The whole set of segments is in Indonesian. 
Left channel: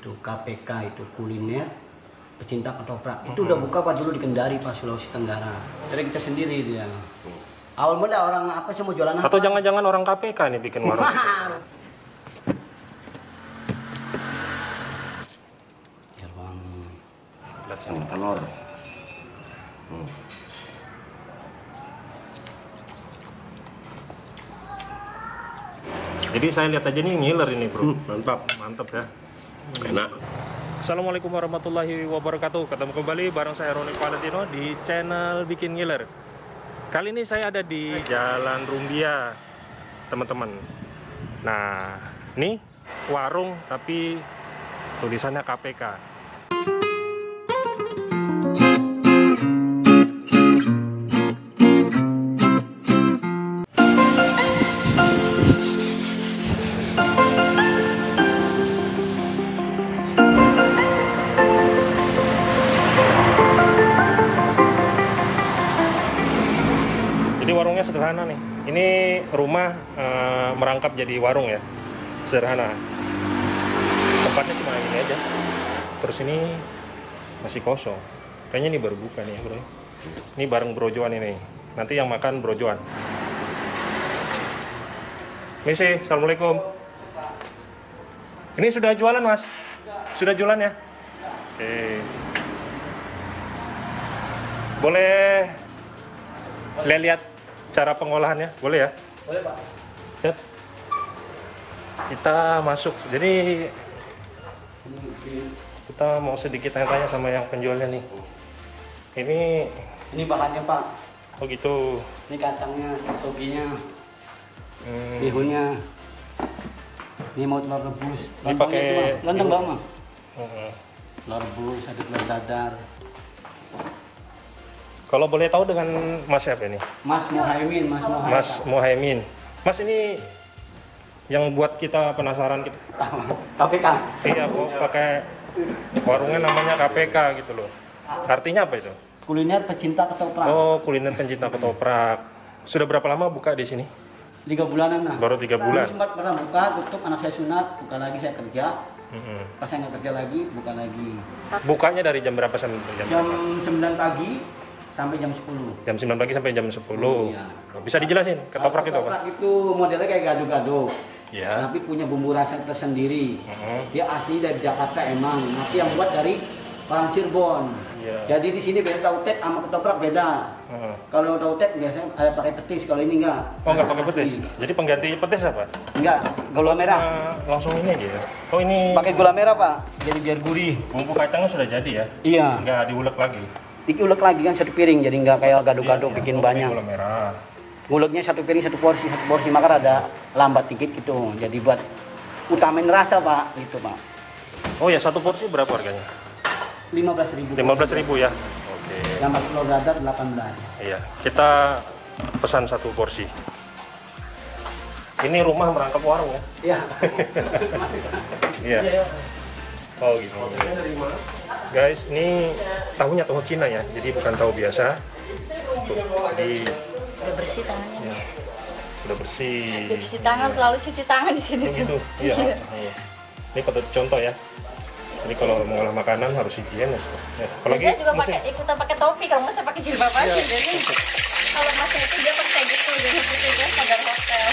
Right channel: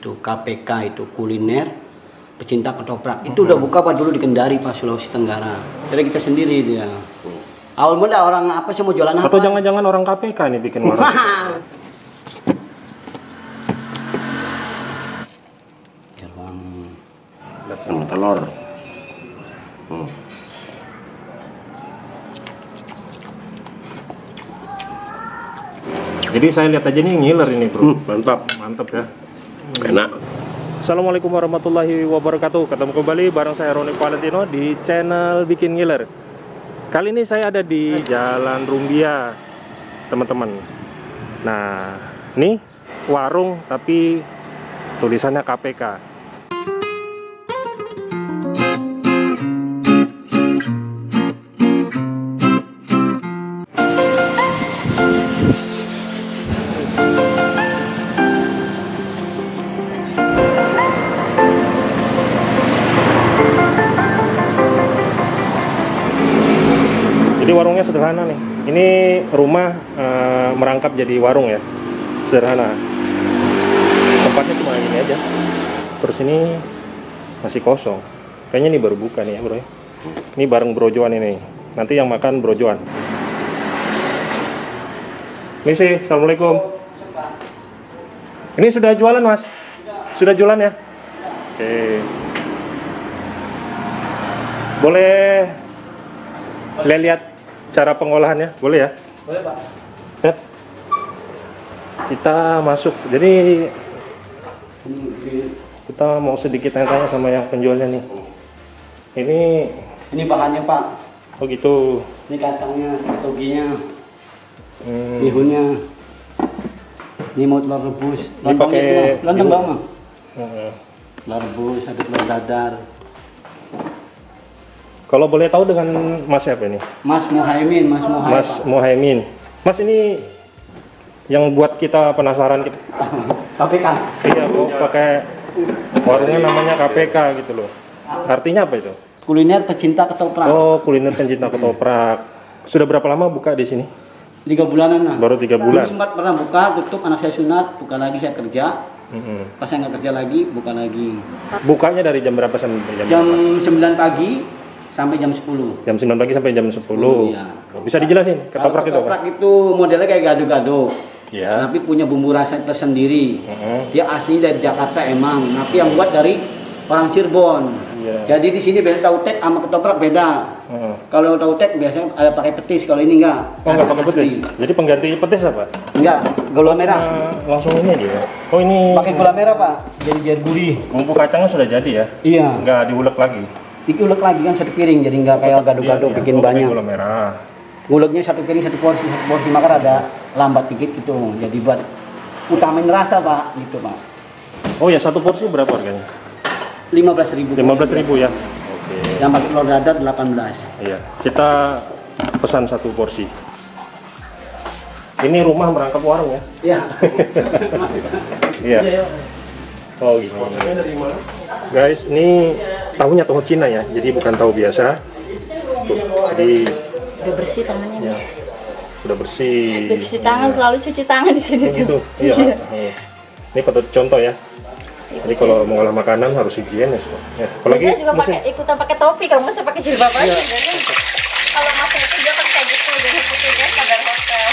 itu KPK itu kuliner pecinta ketoprak. Itu udah buka Pak dulu di Kendari Pak, Sulawesi Tenggara. Jadi kita sendiri dia. Awal mula orang apa sih mau jualan apa? Atau jangan-jangan orang KPK nih bikin warung? Sama telur. Jadi saya lihat aja nih ngiler ini bro. Mantap. Mantap ya. Enak. Assalamualaikum warahmatullahi wabarakatuh. Ketemu kembali bareng saya Roni Valentino di channel Bikin Ngiler. Kali ini saya ada di Jalan Rumbia, teman-teman. Nah, nih warung tapi tulisannya KPK. Jadi warungnya sederhana nih. Ini rumah merangkap jadi warung ya, sederhana. Tempatnya cuma gini aja. Terus ini masih kosong. Kayaknya ini baru buka nih ya bro ya. Ini bareng brojoan ini. Nanti yang makan brojoan. Misi, assalamualaikum. Ini sudah jualan mas? Sudah jualan ya? Oke. Boleh lihat cara pengolahannya, boleh ya? Boleh Pak. Ya. Kita masuk. Jadi kita mau sedikit tanya-tanya sama yang penjualnya nih. Ini bahannya Pak. Oh gitu. Ini kacangnya, toginya, bihunnya. Ini mau telur rebus. Ini pakai lontong bawang Mas. Heeh. Telur rebus, ada telur dadar. Kalau boleh tahu dengan Mas siapa ini? Mas Muhaimin, Mas Muhaimin. Mas Muhaimin. Mas ini yang buat kita penasaran gitu. KPK. Iya, kok pakai warungnya namanya KPK gitu loh. Artinya apa itu? Kuliner pecinta ketoprak. Oh, kuliner pencinta ketoprak. Sudah berapa lama buka di sini? 3 bulanan lah. Baru 3 bulan. Dulu sempat pernah buka, tutup, anak saya sunat, buka lagi saya kerja. Pas saya nggak kerja lagi, buka lagi. Bukanya dari jam berapa sampai jam Jam berapa? 9 pagi sampai jam 10. Jam 9 pagi sampai jam 10. Iya. Bisa dijelasin ketoprak itu apa? Ketoprak itu modelnya kayak gado-gado. Ya. Tapi punya bumbu rasa tersendiri. Dia asli dari Jakarta emang, tapi yang buat dari orang Cirebon. Iya. Jadi di sini beda tahu tek sama ketoprak beda. Kalau tahu tek biasanya ada pakai petis, kalau ini enggak. Oh, enggak pakai Asli. petis. Jadi pengganti petis apa? Enggak, gula merah. Langsung ini dia. Oh, ini Pakai gula merah, Pak. Jadi gurih. bumbu kacangnya sudah jadi ya? Iya. Enggak diulek lagi. Diulek lagi kan satu piring, jadi enggak kayak gado-gado Iya, bikin oh, pakai banyak. gula merah. Nguleknya satu piring satu porsi maka ada lambat dikit gitu. Jadi buat utamain rasa, Pak, gitu, Pak. Oh ya, satu porsi berapa harganya? 15.000. 15.000 ya. Oke. Yang pakai telur dadar 18. Iya, kita pesan satu porsi. Ini rumah merangkap warung ya? Iya. Iya. Oh gini. Guys, ini tahunya tahu Cina ya, jadi bukan tahu biasa. Tuh, jadi Udah bersih tangannya. ya, sudah bersih. Cuci tangan, selalu cuci tangan di sini. Oh, gitu. Iya. Oh. Ini patut contoh ya. Jadi kalau mengolah makanan harus higienis. Ya. Apalagi Saya juga pakai ikutan pakai topi, kalau masa pakai jilbab aja. Jadi kalau masa itu dia pakai gitu, jadi gitu ya, kadar hotel.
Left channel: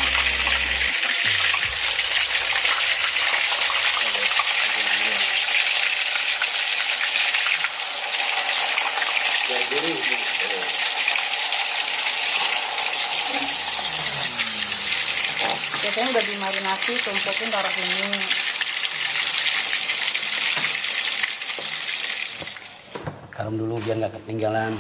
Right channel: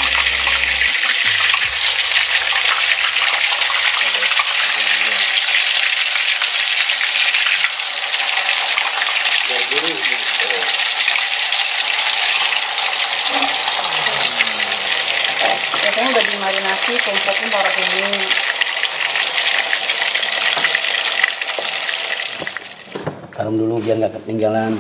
Biasanya udah dimarinasi, tempatnya taruh ini. Garam dulu biar nggak ketinggalan.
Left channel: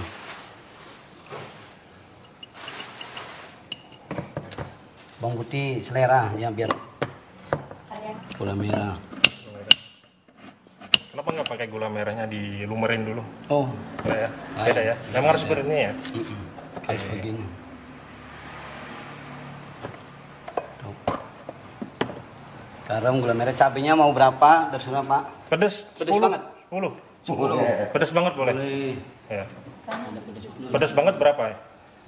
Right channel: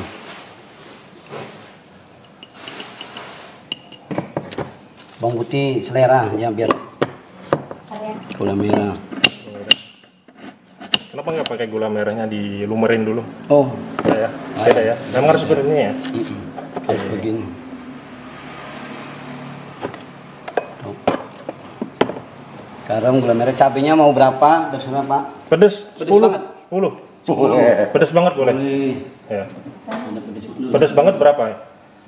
Bawang putih selera ya biar. Gula merah. Kenapa nggak pakai gula merahnya dilumerin dulu? Oh, Ya, beda ya. Memang harus seperti ini ya. harus begini. Tuh. Garam, gula merah, cabenya mau berapa? Terserah Pak. Pedes, Pedes 10. banget. 10. Pedes banget boleh. Boleh. Ya. Ada pedes dulu. Pedes banget berapa ya?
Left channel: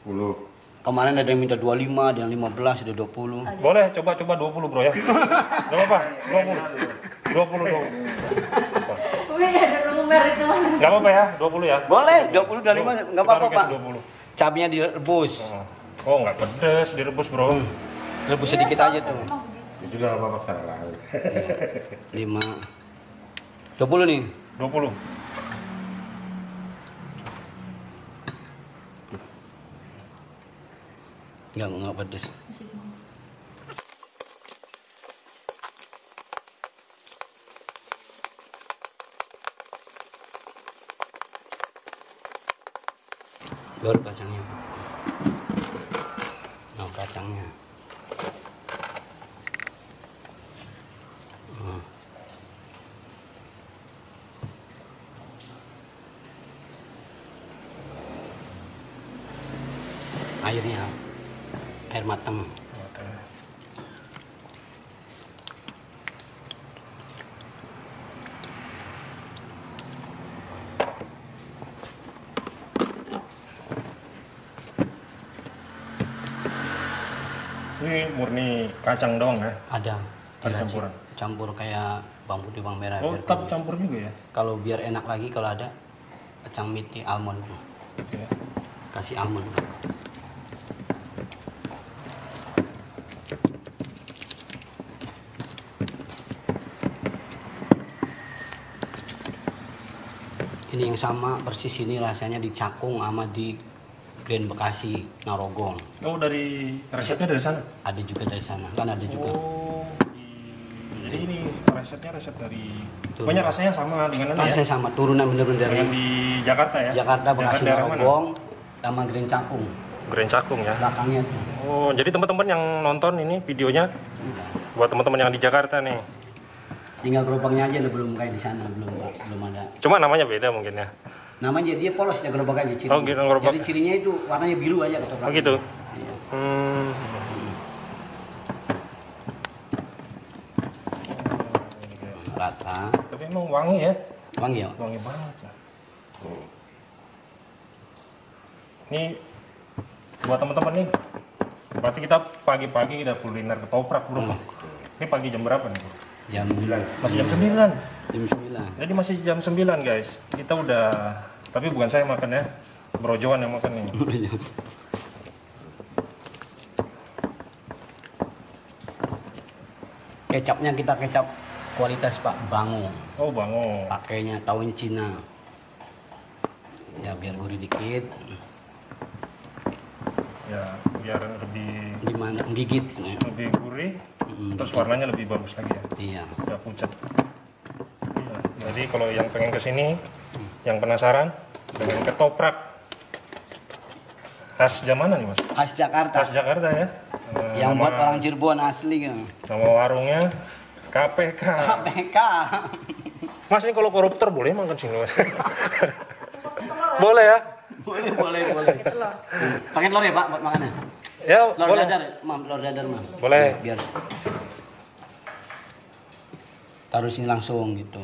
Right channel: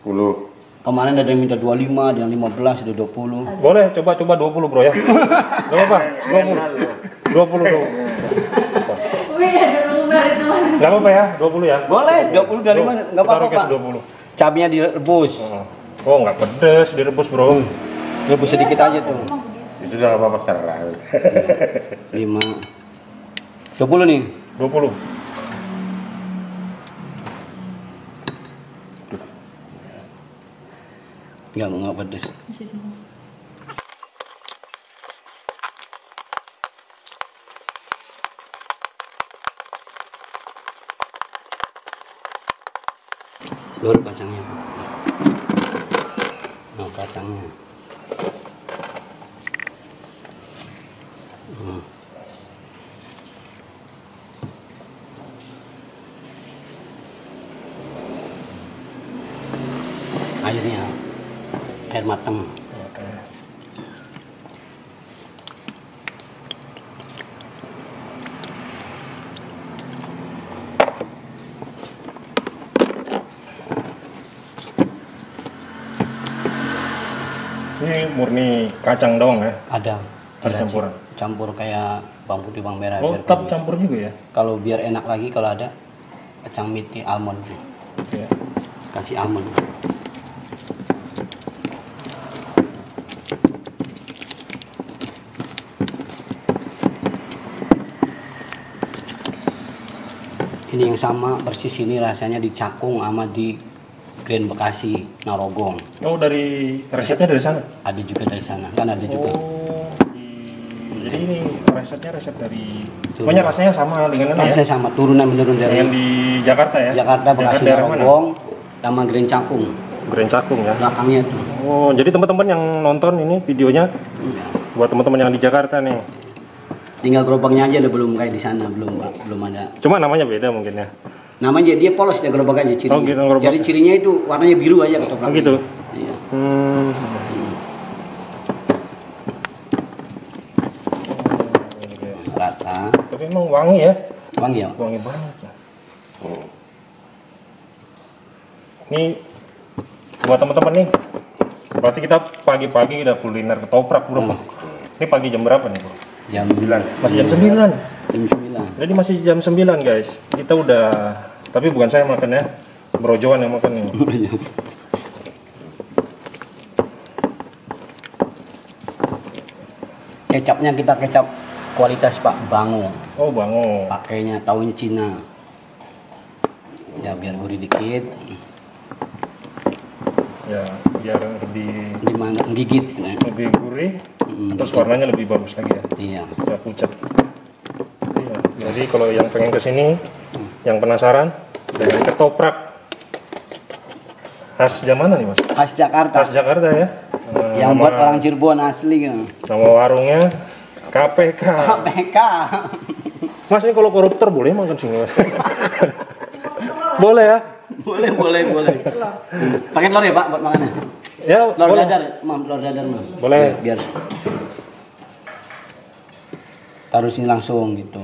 10. Kemarin ada yang minta 25, ada yang 15, ada 20. Boleh coba 20 bro ya. Gak apa-apa, 20 dong. Wih, ada nomor itu mana? Gak apa-apa ya, 20 ya. Boleh, 20 dari mana? Enggak apa-apa, Taruh cash Pak. 20. Cabenya direbus. Oh nggak pedes, direbus bro. Rebus sedikit aja tuh. Itu udah nggak apa-apa serah. 5. 20 nih. 20. Enggak pedes. Baru kacangnya, Pak. Nah, kacangnya. Airnya, air matang. Ini murni kacang doang ya? Ada campuran? Campur kayak bawang putih, bawang merah. Oh, biar tetap kunyit. campur juga ya? Kalau biar enak lagi kalau ada kacang miti almond. Iya. Kasih almond. Ini yang sama persis ini rasanya di Cakung sama di Grand Bekasi, Narogong. Oh, dari resepnya dari sana? Ada juga dari sana, kan ada juga. Oh, jadi ini resepnya resep dari... Pokoknya rasanya sama dengan ini Rasanya ya? sama, turunan menurun dari Dengan di Jakarta ya? Jakarta, Bekasi, daerah mana? Narogong, sama Grand Cakung. Grand Cakung ya? Belakangnya tuh. Oh, jadi teman-teman yang nonton ini videonya Iya. buat teman-teman yang di Jakarta nih. Tinggal gerobaknya aja udah belum kayak di sana, belum ada. Cuma namanya beda mungkin ya. Namanya dia polos ya gerobak aja cirinya. Oh, gitu, gerobak. Jadi cirinya itu warnanya biru aja ketoprak. Oh gitu. Iya. Rata. Tapi emang wangi ya? Wangi ya? Wangi banget. Ini buat teman-teman nih. Berarti kita pagi-pagi udah kuliner ketoprak bro. Ini pagi jam berapa nih bro? Jam 9. Masih jam 9. Jam 9. Jadi masih jam 9 guys. Kita udah, tapi bukan saya makan ya. Bro Johan yang makan nih. Kecapnya kita kecap kualitas Pak Bango. Oh Bango. Pakainya tahunya Cina. Ya biar gurih dikit. Ya biar lebih Gimana gigit. lebih gurih. Terus warnanya lebih bagus lagi ya. Iya. Udah pucat. Iya. Jadi kalau yang pengen kesini, yang penasaran dengan ketoprak khas jam mana nih mas? Khas Jakarta. Khas Jakarta ya. Yang buat orang Cirebon asli kan. Nama warungnya KPK. KPK. Mas ini kalau koruptor boleh makan sini mas? Boleh ya? Boleh. Pakai telur ya Pak buat makannya. Ya Telur boleh. dadar, Mam, telur dadar, Mam. Boleh. Biar taruh sini langsung gitu.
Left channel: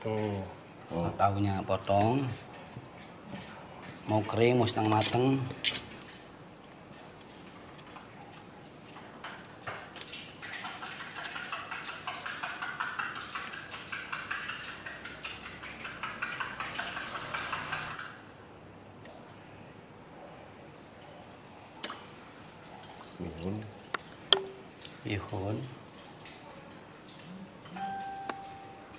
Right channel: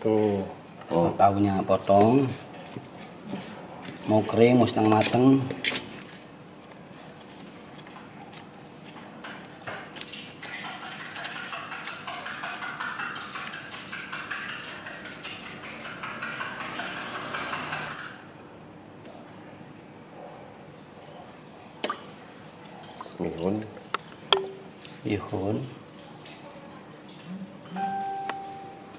Tuh. Tahunya potong. Mau kering, mau setengah mateng. Bihun.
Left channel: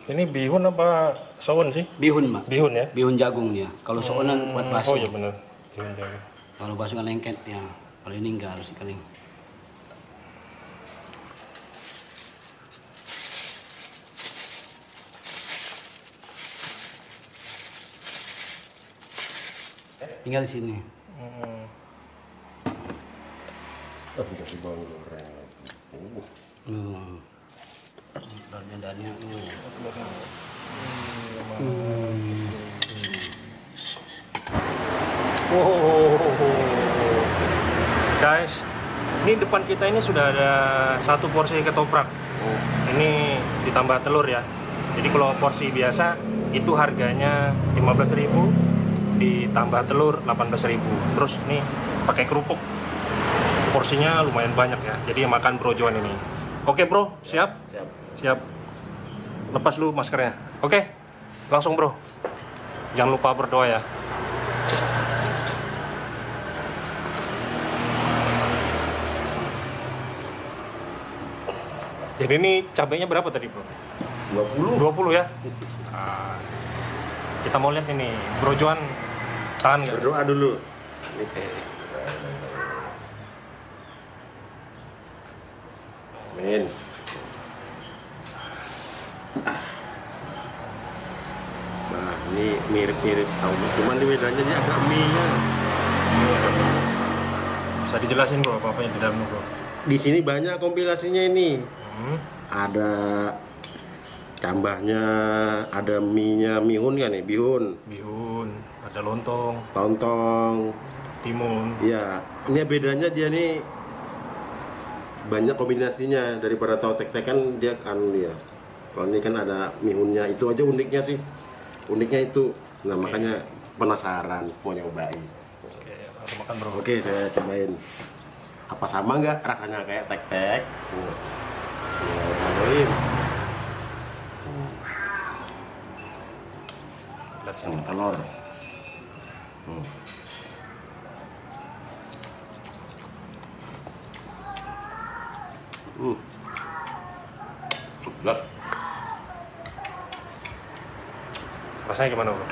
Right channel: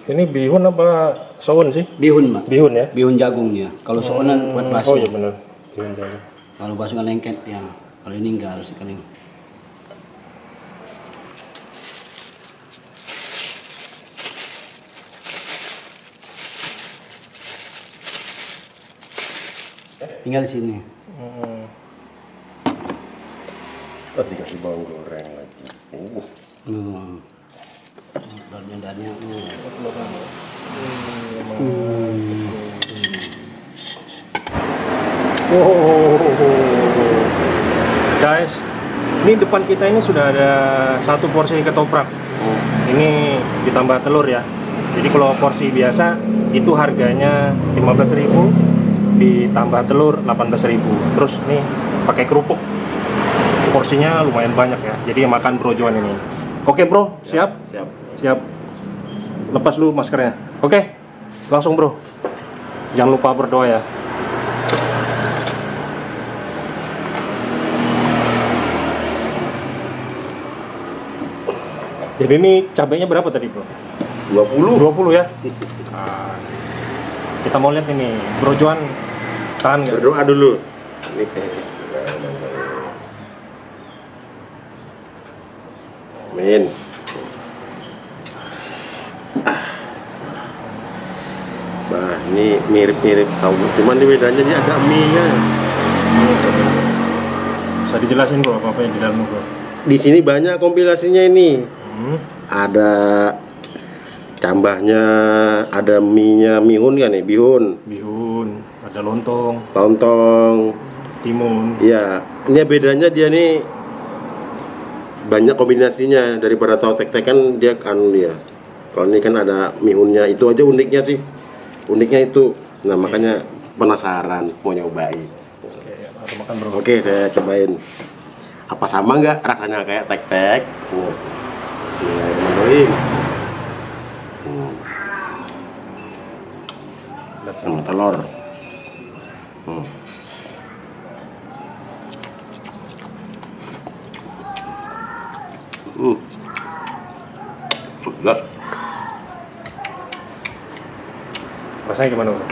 Ini bihun apa soun sih? Bihun, Mak. Bihun ya? Bihun jagung ya. Kalau sounan buat bakso. Oh iya benar. Bihun jagung. Kalau bakso kan lengket ya. Kalau ini enggak harus kering. Tinggal di sini. Tadi kasih bawang goreng lagi. Telurnya dania. Guys, ini depan kita ini sudah ada satu porsi ketoprak. Ini ditambah telur ya. Jadi kalau porsi biasa itu harganya 15.000, ditambah telur 18.000. Terus nih pakai kerupuk. porsinya lumayan banyak ya. Jadi makan brojoan ini. Oke bro, siap? Siap. Siap. Lepas dulu maskernya. Oke, langsung bro. Jangan lupa berdoa ya. Jadi ini cabenya berapa tadi bro? 20. 20 ya? Nah, kita mau lihat ini, brojoan tahan nggak? Berdoa dulu. Ini Amin. Nah, ini mirip-mirip tahu, cuman ini bedanya dia ada mie-nya. Bisa dijelasin bro, apa yang di dalam bro? Di sini banyak kompilasinya ini. Ada cambahnya, ada mie-nya, mihun kan nih, bihun, Ada lontong, lontong. timun. Iya, ini bedanya dia nih banyak kombinasinya daripada tahu tek-tek kan dia anu dia. Kalau ini kan ada mihunnya, itu aja uniknya sih. Uniknya itu. Nah, makanya penasaran mau nyobain. Oke, langsung makan bro. Oke, saya cobain. Apa sama nggak rasanya kayak tek-tek? Bismillahirrahmanirrahim. Lihat sini. Telur. Jelas. Rasanya gimana bro?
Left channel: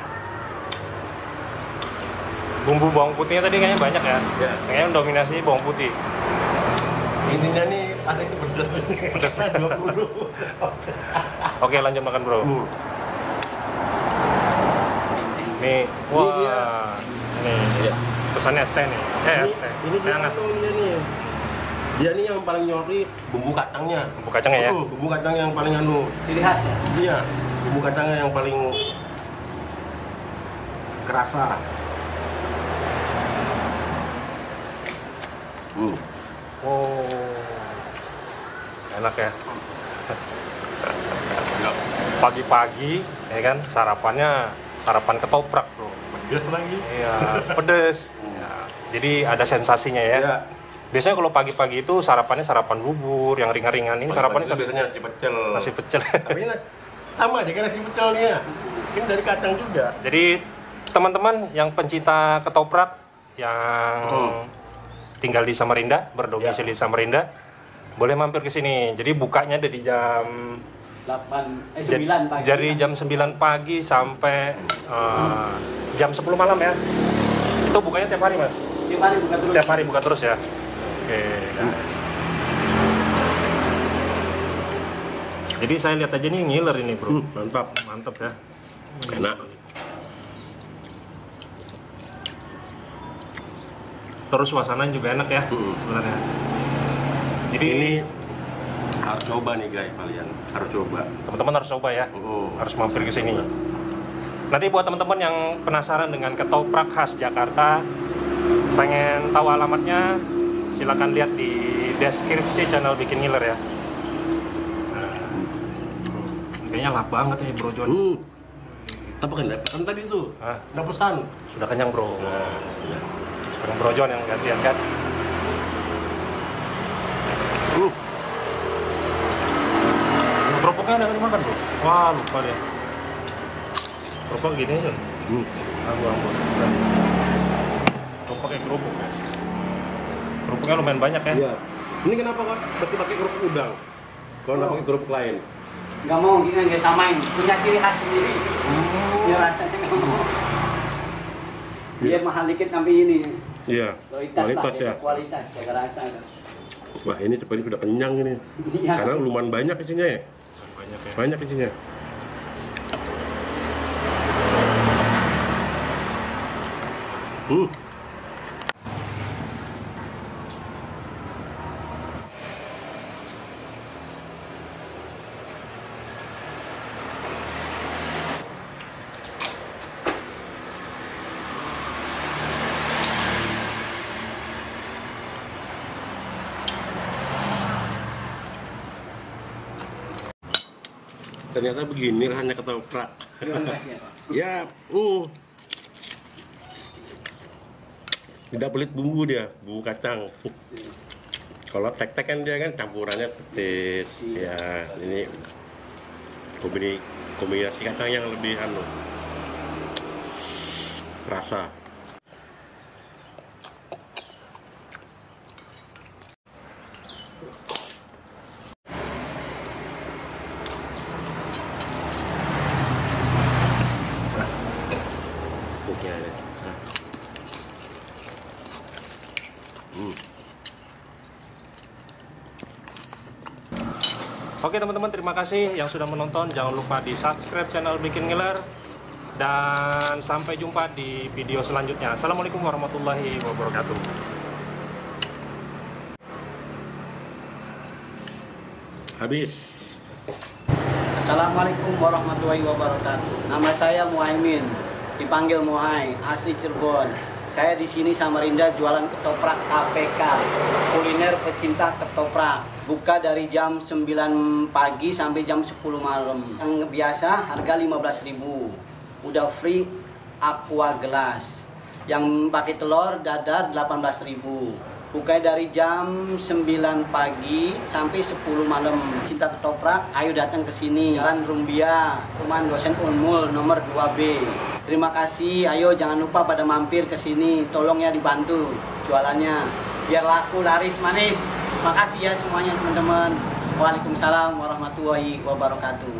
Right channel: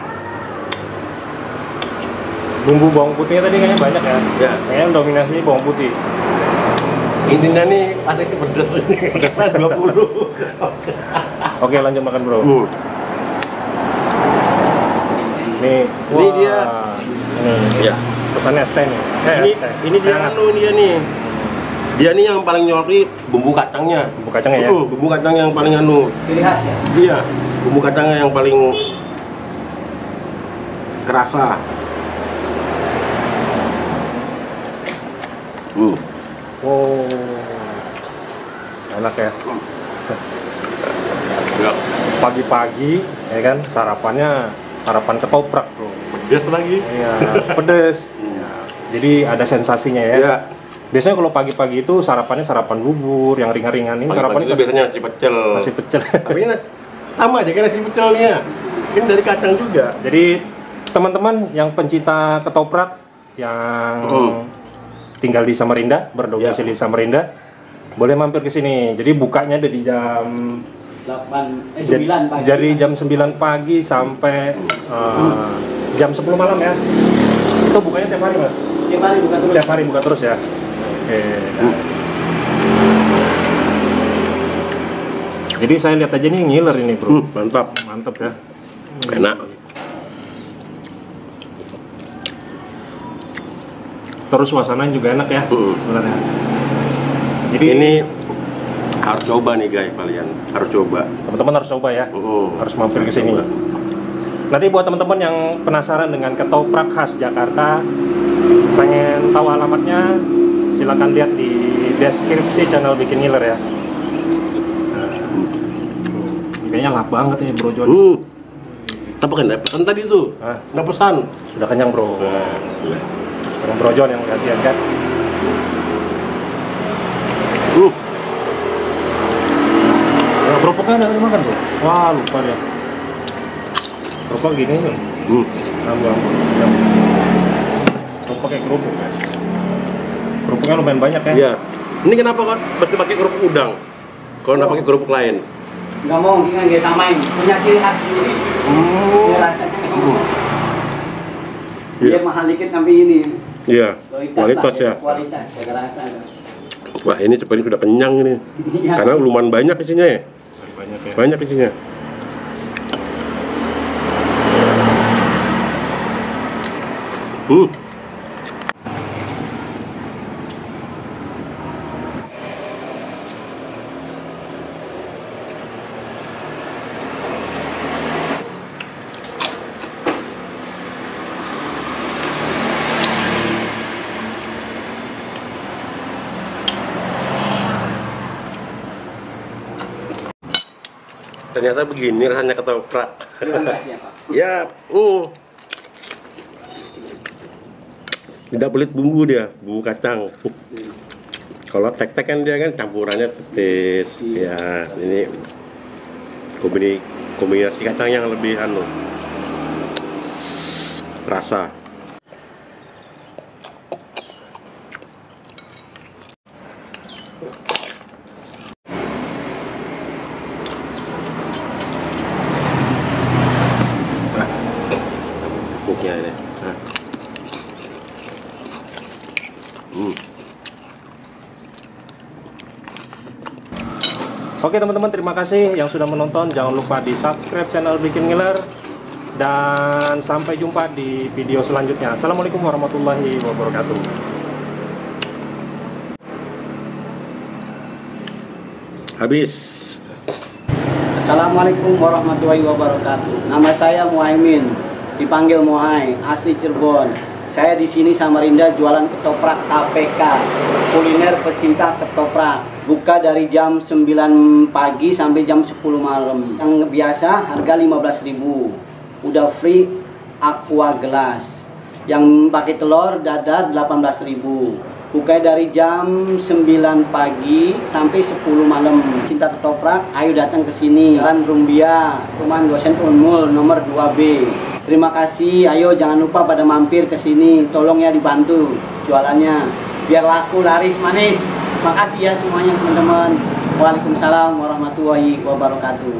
Bumbu bawang putihnya tadi kayaknya banyak ya? Ya. Kayaknya dominasi bawang putih. Intinya nih pasti pedes. Pedesnya 20. Oke, lanjut makan bro. Nih, Ini dia. Ini Ya. pesannya es teh nih. Es teh. Ini dia Hangat. anu dia nih. Dia nih yang paling nyori bumbu kacangnya. Bumbu kacangnya ya? Bumbu kacang yang paling anu. Ciri khas ya. Iya, bumbu kacangnya yang paling kerasa. Wow. Enak ya. Ya, Pagi-pagi ya kan sarapan ketoprak bro. pedes lagi. Iya, pedes. Ya, jadi ada sensasinya ya. Iya. Biasanya kalau pagi-pagi itu sarapannya sarapan bubur yang ringan-ringan, ini Sarapan sarapannya itu biasanya nasi pecel. nasi pecel. Tapi ini sama aja kan nasi pecelnya. Ini dari kacang juga. Jadi teman-teman yang pencinta ketoprak yang tinggal di Samarinda, berdomisili di Samarinda, boleh mampir ke sini. Jadi bukanya dari jam 9 pagi. Dari jam 9 pagi sampai jam 10 malam ya. Itu bukanya tiap hari mas? Tiap hari buka terus. Tiap hari buka terus ya. Oke. Jadi saya lihat aja nih ngiler ini bro. Mantap. Mantap ya. Enak. Terus suasananya juga enak ya sebenarnya. Jadi Ini harus coba nih guys, kalian harus coba. teman-teman harus coba ya. Harus mampir ke sini. Nanti buat teman-teman yang penasaran dengan ketoprak khas Jakarta, pengen tahu alamatnya, silakan lihat di deskripsi channel Bikin Ngiler ya. Nah, kayaknya lap banget nih bro John. Tapi kan nggak pesan tadi tuh. Hah? Nggak pesan. Sudah kenyang bro. Sekarang bro John yang gantian kan. Kerupuknya ada dimakan bro. Wah lupa deh. Kerupuk gini kan. Ampun. Kerupuk kayak kerupuk guys. Kerupuknya lumayan banyak ya. Iya. Ini kenapa kok mesti pakai kerupuk udang? Kalau nggak pakai kerupuk lain? Nggak mau, ini nggak samain. Punya ciri khas sendiri. Dia rasanya dia mahal dikit tapi ini Iya. Kualitas lah, ya. Kualitas, jaga rasa. Wah ini seperti sudah kenyang ini. Iya. Karena lumayan banyak isinya ya. Banyak ya. Banyak isinya. Ternyata begini rasanya ketoprak. Ya, tidak pelit bumbu dia, bumbu kacang. Kalau tek-tek kan dia kan campurannya petis. Ya, ini kombinasi kacang yang lebih terasa. Buknya ini. Oke teman-teman, terima kasih yang sudah menonton. Jangan lupa di subscribe channel Bikin Ngiler. Dan sampai jumpa di video selanjutnya. Assalamualaikum warahmatullahi wabarakatuh. Habis. Assalamualaikum warahmatullahi wabarakatuh. Nama saya Muhaimin, dipanggil Muhai, asli Cirebon. Saya di sini Samarinda jualan ketoprak KPK, kuliner pecinta ketoprak. Buka dari jam 9 pagi sampai jam 10 malam. Yang biasa harga 15.000. Udah free aqua gelas. Yang pakai telur dadar 18.000. Buka dari jam 9 pagi sampai 10 malam. Cinta ketoprak, ayo datang ke sini. Jalan Rumbia, Rumah Dosen Unmul nomor 2B. Terima kasih, ayo jangan lupa pada mampir ke sini. Tolong ya dibantu jualannya biar laku laris manis. Makasih ya semuanya teman-teman. Waalaikumsalam warahmatullahi wabarakatuh.